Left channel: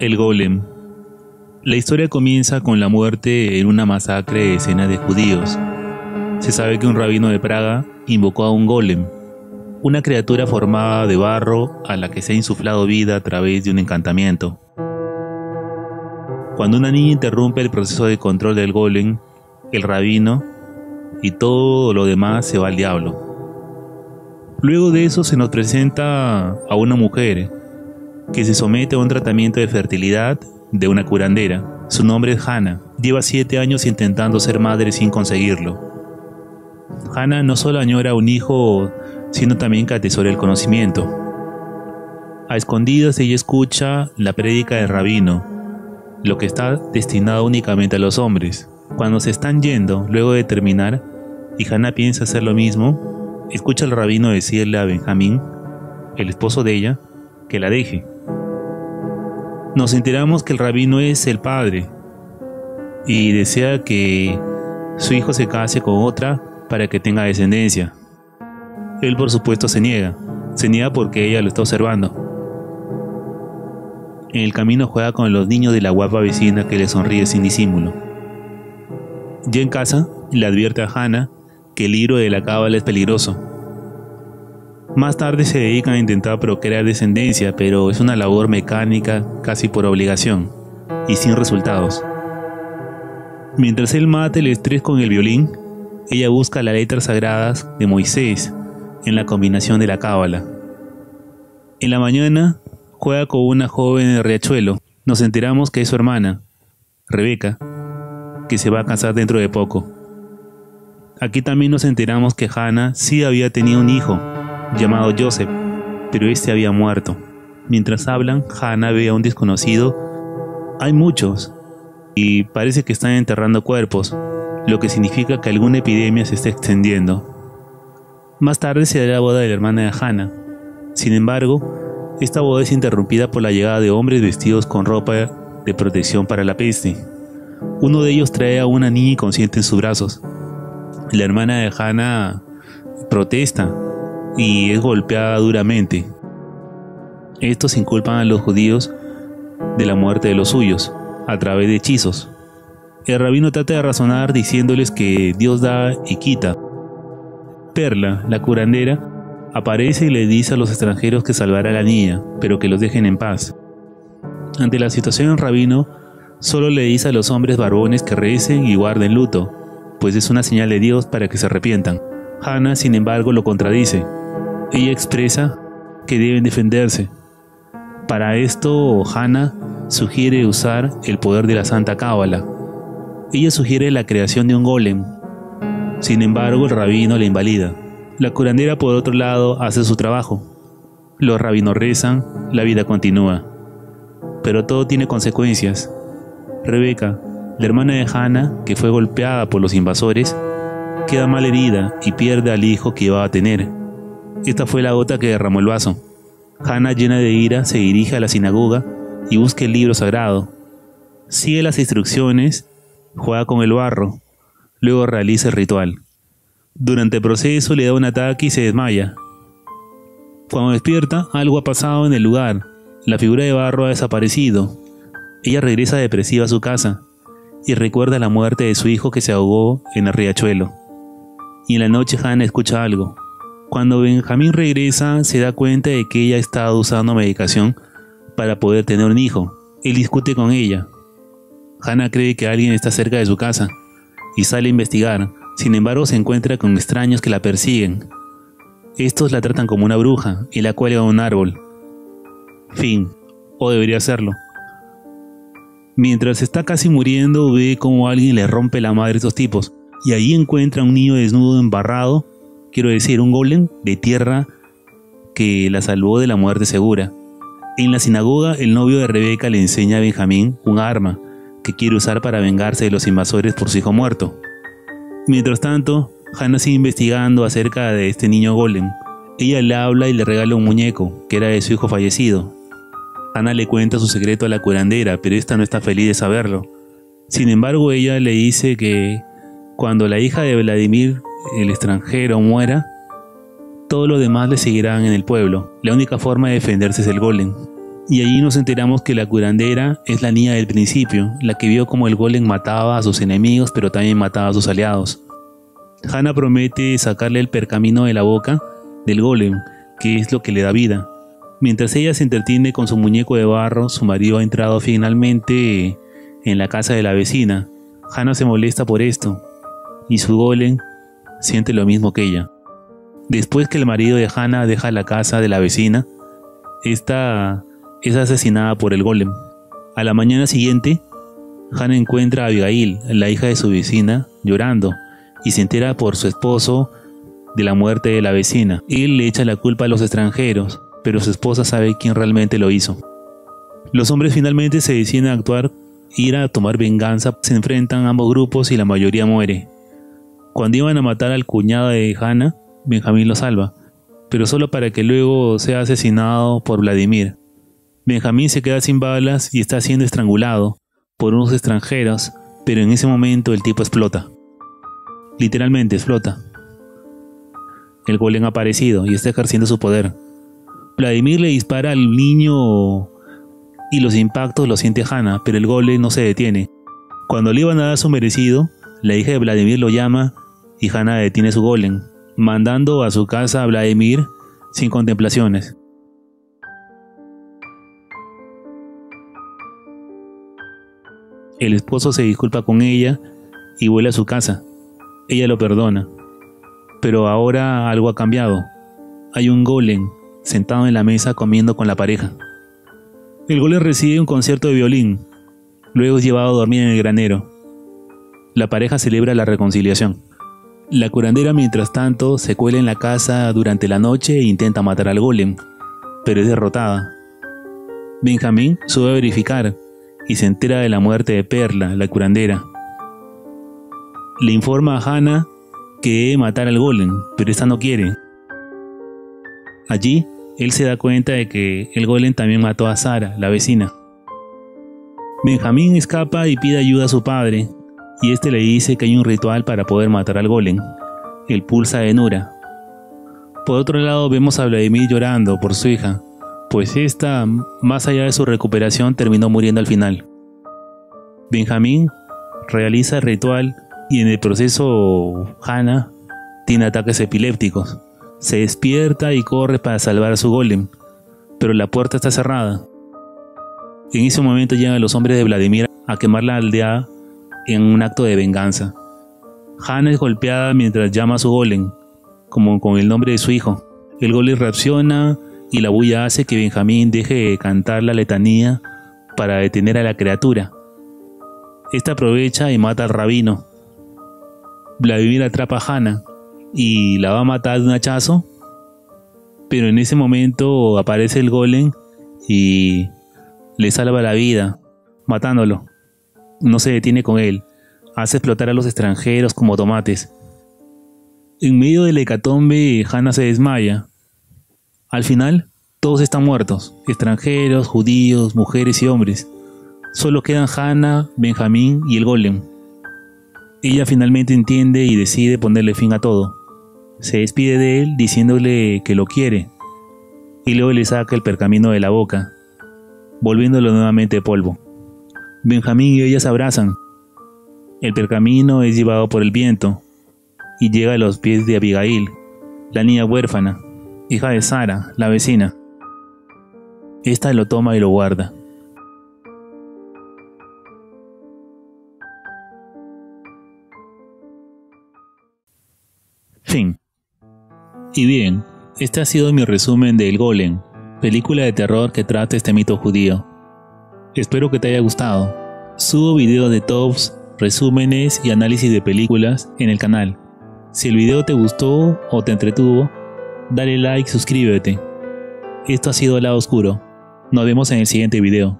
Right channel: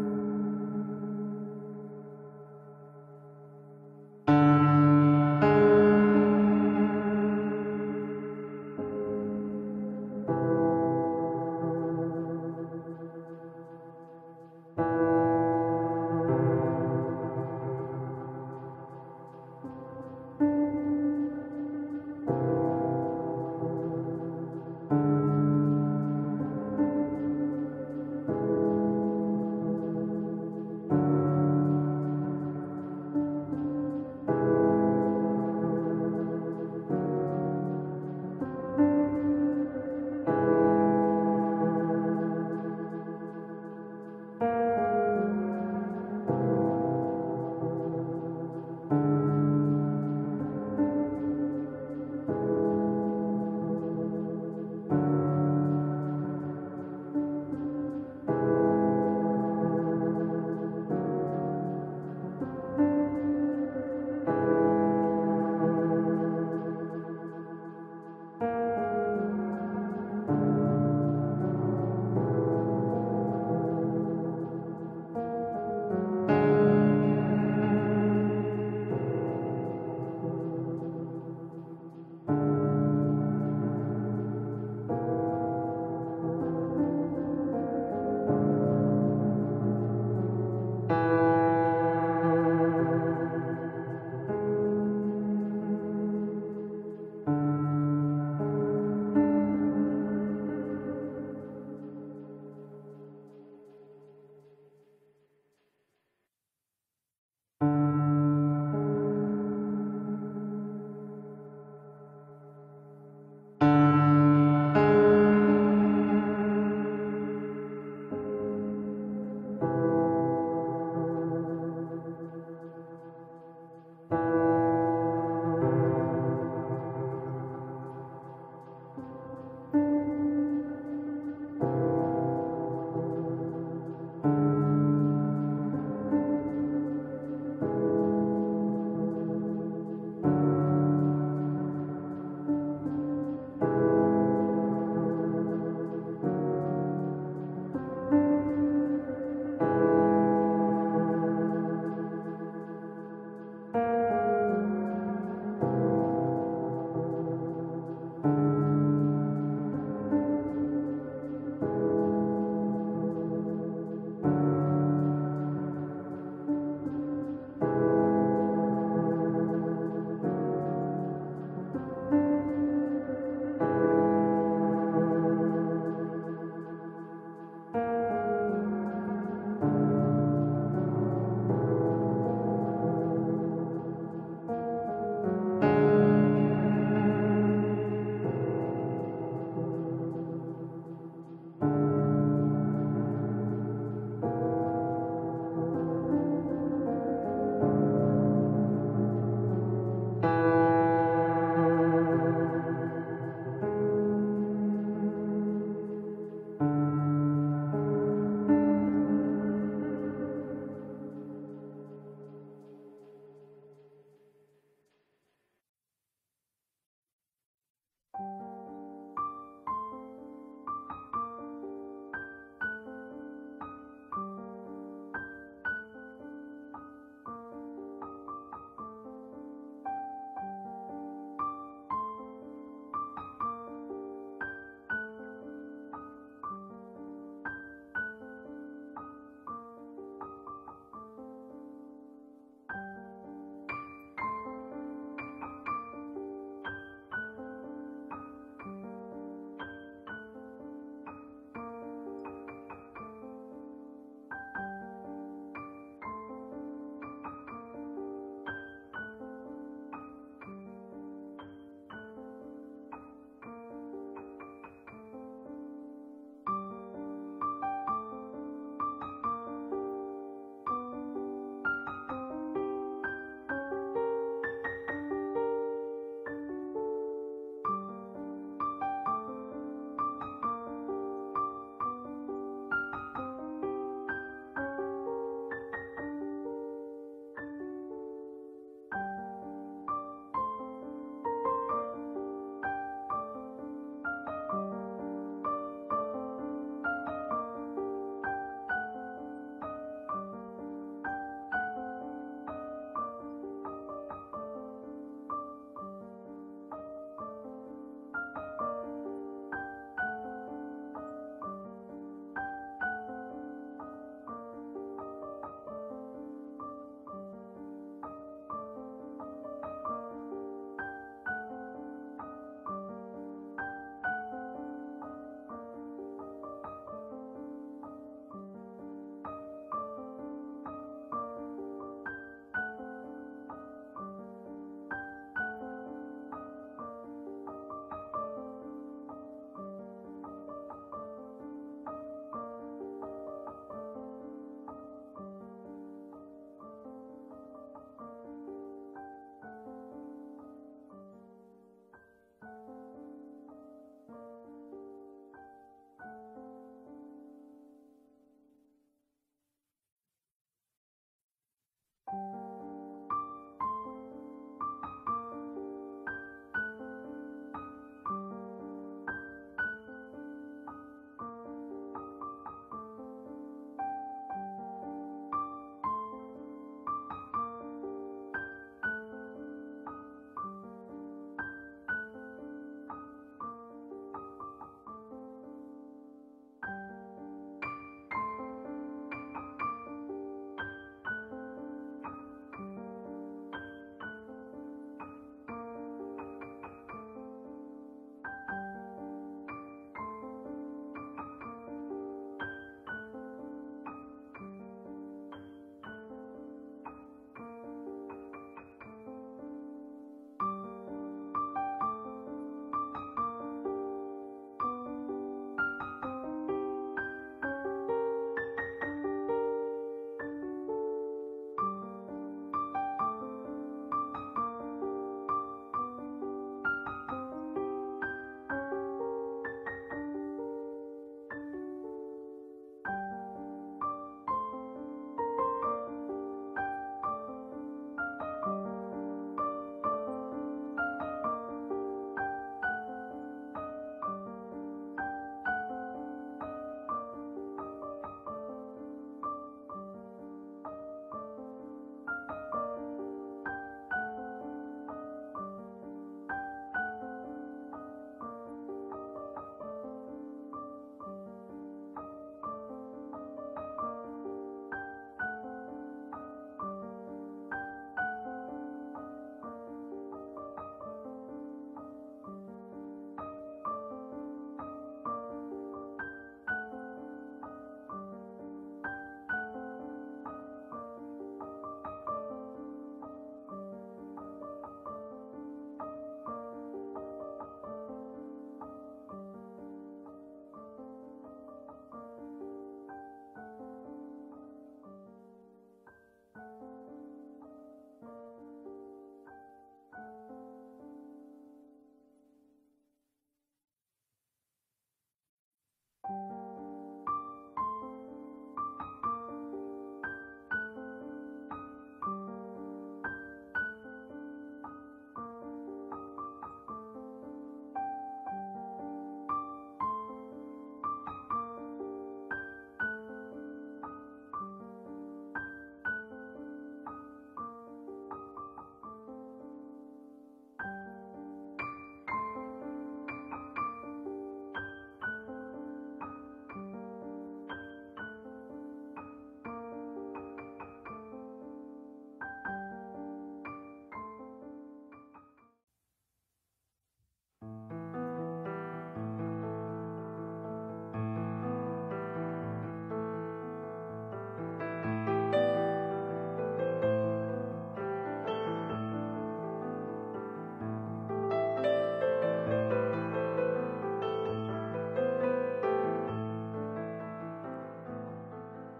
El golem. La historia comienza con la muerte en una masacre de decenas de judíos. Se sabe que un rabino de Praga invocó a un golem, una criatura formada de barro a la que se ha insuflado vida a través de un encantamiento. Cuando una niña interrumpe el proceso de control del golem, el rabino y todo lo demás se va al diablo. Luego de eso se nos presenta a una mujer que se somete a un tratamiento de fertilidad de una curandera. Su nombre es Hannah. Lleva 7 años intentando ser madre sin conseguirlo. Hannah no solo añora un hijo, sino también que atesora el conocimiento. A escondidas ella escucha la prédica del rabino, lo que está destinado únicamente a los hombres. Cuando se están yendo, luego de terminar, y Hannah piensa hacer lo mismo, escucha al rabino decirle a Benjamín, el esposo de ella, que la deje. Nos enteramos que el rabino es el padre y desea que su hijo se case con otra para que tenga descendencia. Él por supuesto se niega porque ella lo está observando. En el camino juega con los niños de la guapa vecina que le sonríe sin disimulo. Ya en casa le advierte a Hannah que el libro de la cábala es peligroso. Más tarde se dedican a intentar procrear descendencia, pero es una labor mecánica casi por obligación y sin resultados. Mientras él mata el estrés con el violín, ella busca las letras sagradas de Moisés en la combinación de la cábala. En la mañana juega con una joven en el riachuelo. Nos enteramos que es su hermana, Rebeca, que se va a casar dentro de poco. Aquí también nos enteramos que Hannah sí había tenido un hijo, llamado Joseph, pero este había muerto. Mientras hablan, Hannah ve a un desconocido. Hay muchos, y parece que están enterrando cuerpos, lo que significa que alguna epidemia se está extendiendo. Más tarde se da la boda de la hermana de Hannah. Sin embargo, esta boda es interrumpida por la llegada de hombres vestidos con ropa de protección para la peste. Uno de ellos trae a una niña inconsciente en sus brazos. La hermana de Hannah protesta y es golpeada duramente. Estos inculpan a los judíos de la muerte de los suyos a través de hechizos. El rabino trata de razonar diciéndoles que Dios da y quita. Perla, la curandera, aparece y le dice a los extranjeros que salvará a la niña, pero que los dejen en paz. Ante la situación, el rabino solo le dice a los hombres barbones que recen y guarden luto, pues es una señal de Dios para que se arrepientan. Hannah, sin embargo, lo contradice. Ella expresa que deben defenderse. Para esto, Hannah sugiere usar el poder de la Santa Cábala. Ella sugiere la creación de un golem. Sin embargo, el rabino la invalida. La curandera, por otro lado, hace su trabajo. Los rabinos rezan, la vida continúa. Pero todo tiene consecuencias. Rebeca, la hermana de Hannah, que fue golpeada por los invasores, queda mal herida y pierde al hijo que iba a tener. Esta fue la gota que derramó el vaso. Hannah, llena de ira, se dirige a la sinagoga y busca el libro sagrado. Sigue las instrucciones, juega con el barro, luego realiza el ritual. Durante el proceso le da un ataque y se desmaya. Cuando despierta, algo ha pasado en el lugar. La figura de barro ha desaparecido. Ella regresa depresiva a su casa y recuerda la muerte de su hijo que se ahogó en el riachuelo. Y en la noche Hannah escucha algo. Cuando Benjamín regresa, se da cuenta de que ella ha estado usando medicación para poder tener un hijo. Él discute con ella. Hannah cree que alguien está cerca de su casa y sale a investigar. Sin embargo, se encuentra con extraños que la persiguen. Estos la tratan como una bruja y la cuelgan a un árbol. Fin. O debería serlo. Mientras está casi muriendo, ve como alguien le rompe la madre a estos tipos. Y ahí encuentra a un niño desnudo, embarrado, quiero decir, un golem de tierra que la salvó de la muerte segura. En la sinagoga, el novio de Rebeca le enseña a Benjamín un arma que quiere usar para vengarse de los invasores por su hijo muerto. Mientras tanto, Hannah sigue investigando acerca de este niño golem. Ella le habla y le regala un muñeco, que era de su hijo fallecido. Hannah le cuenta su secreto a la curandera, pero esta no está feliz de saberlo. Sin embargo, ella le dice que cuando la hija de Vladimir, el extranjero, muera, todos los demás le seguirán en el pueblo. La única forma de defenderse es el golem. Y allí nos enteramos que la curandera es la niña del principio, la que vio como el golem mataba a sus enemigos pero también mataba a sus aliados. Hana promete sacarle el pergamino de la boca del golem, que es lo que le da vida. Mientras ella se entretiene con su muñeco de barro, su marido ha entrado finalmente en la casa de la vecina. Hana se molesta por esto, y su golem siente lo mismo que ella. Después que el marido de Hana deja la casa de la vecina, esta es asesinada por el golem. A la mañana siguiente, Hana encuentra a Abigail, la hija de su vecina, llorando, y se entera por su esposo de la muerte de la vecina. Él le echa la culpa a los extranjeros, pero su esposa sabe quién realmente lo hizo. Los hombres finalmente se deciden a actuar, ir a tomar venganza. Se enfrentan ambos grupos y la mayoría muere. Cuando iban a matar al cuñado de Hana, Benjamín lo salva, pero solo para que luego sea asesinado por Vladimir. Benjamín se queda sin balas y está siendo estrangulado por unos extranjeros, pero en ese momento el tipo explota. Literalmente explota. El golem ha aparecido y está ejerciendo su poder. Vladimir le dispara al niño y los impactos los siente Hana, pero el golem no se detiene. Cuando le iban a dar su merecido, la hija de Vladimir lo llama y Hana detiene su golem, mandando a su casa a Vladimir sin contemplaciones. El esposo se disculpa con ella y vuelve a su casa. Ella lo perdona, pero ahora algo ha cambiado. Hay un golem sentado en la mesa comiendo con la pareja. El golem recibe un concierto de violín, luego es llevado a dormir en el granero. La pareja celebra la reconciliación. La curandera, mientras tanto, se cuela en la casa durante la noche e intenta matar al golem, pero es derrotada. Benjamín sube a verificar y se entera de la muerte de Perla, la curandera. Le informa a Hana que debe matar al golem, pero esta no quiere. Allí, él se da cuenta de que el golem también mató a Sara, la vecina. Benjamín escapa y pide ayuda a su padre, y este le dice que hay un ritual para poder matar al golem, el pulsa de Nura. Por otro lado, vemos a Vladimir llorando por su hija, pues esta, más allá de su recuperación, terminó muriendo al final. Benjamín realiza el ritual y en el proceso Hana tiene ataques epilépticos. Se despierta y corre para salvar a su golem, pero la puerta está cerrada. En ese momento llegan los hombres de Vladimir a quemar la aldea en un acto de venganza. Hana es golpeada mientras llama a su golem, como con el nombre de su hijo. El golem reacciona y la bulla hace que Benjamín deje de cantar la letanía para detener a la criatura. Esta aprovecha y mata al rabino. Vladimir atrapa a Hana y la va a matar de un hachazo, pero en ese momento aparece el golem y le salva la vida, matándolo. No se detiene con él, hace explotar a los extranjeros como tomates. En medio de la hecatombe, Hana se desmaya. Al final, todos están muertos, extranjeros, judíos, mujeres y hombres. Solo quedan Hana, Benjamín y el golem. Ella finalmente entiende y decide ponerle fin a todo. Se despide de él diciéndole que lo quiere, y luego le saca el pergamino de la boca, volviéndolo nuevamente polvo. Benjamín y ella se abrazan. El pergamino es llevado por el viento y llega a los pies de Abigail, la niña huérfana, hija de Sara, la vecina. Esta lo toma y lo guarda. Fin. Y bien, este ha sido mi resumen de El Golem, película de terror que trata este mito judío. Espero que te haya gustado. Subo videos de tops, resúmenes y análisis de películas en el canal. Si el video te gustó o te entretuvo, dale like y suscríbete. Esto ha sido El Lado Oscuro. Nos vemos en el siguiente video.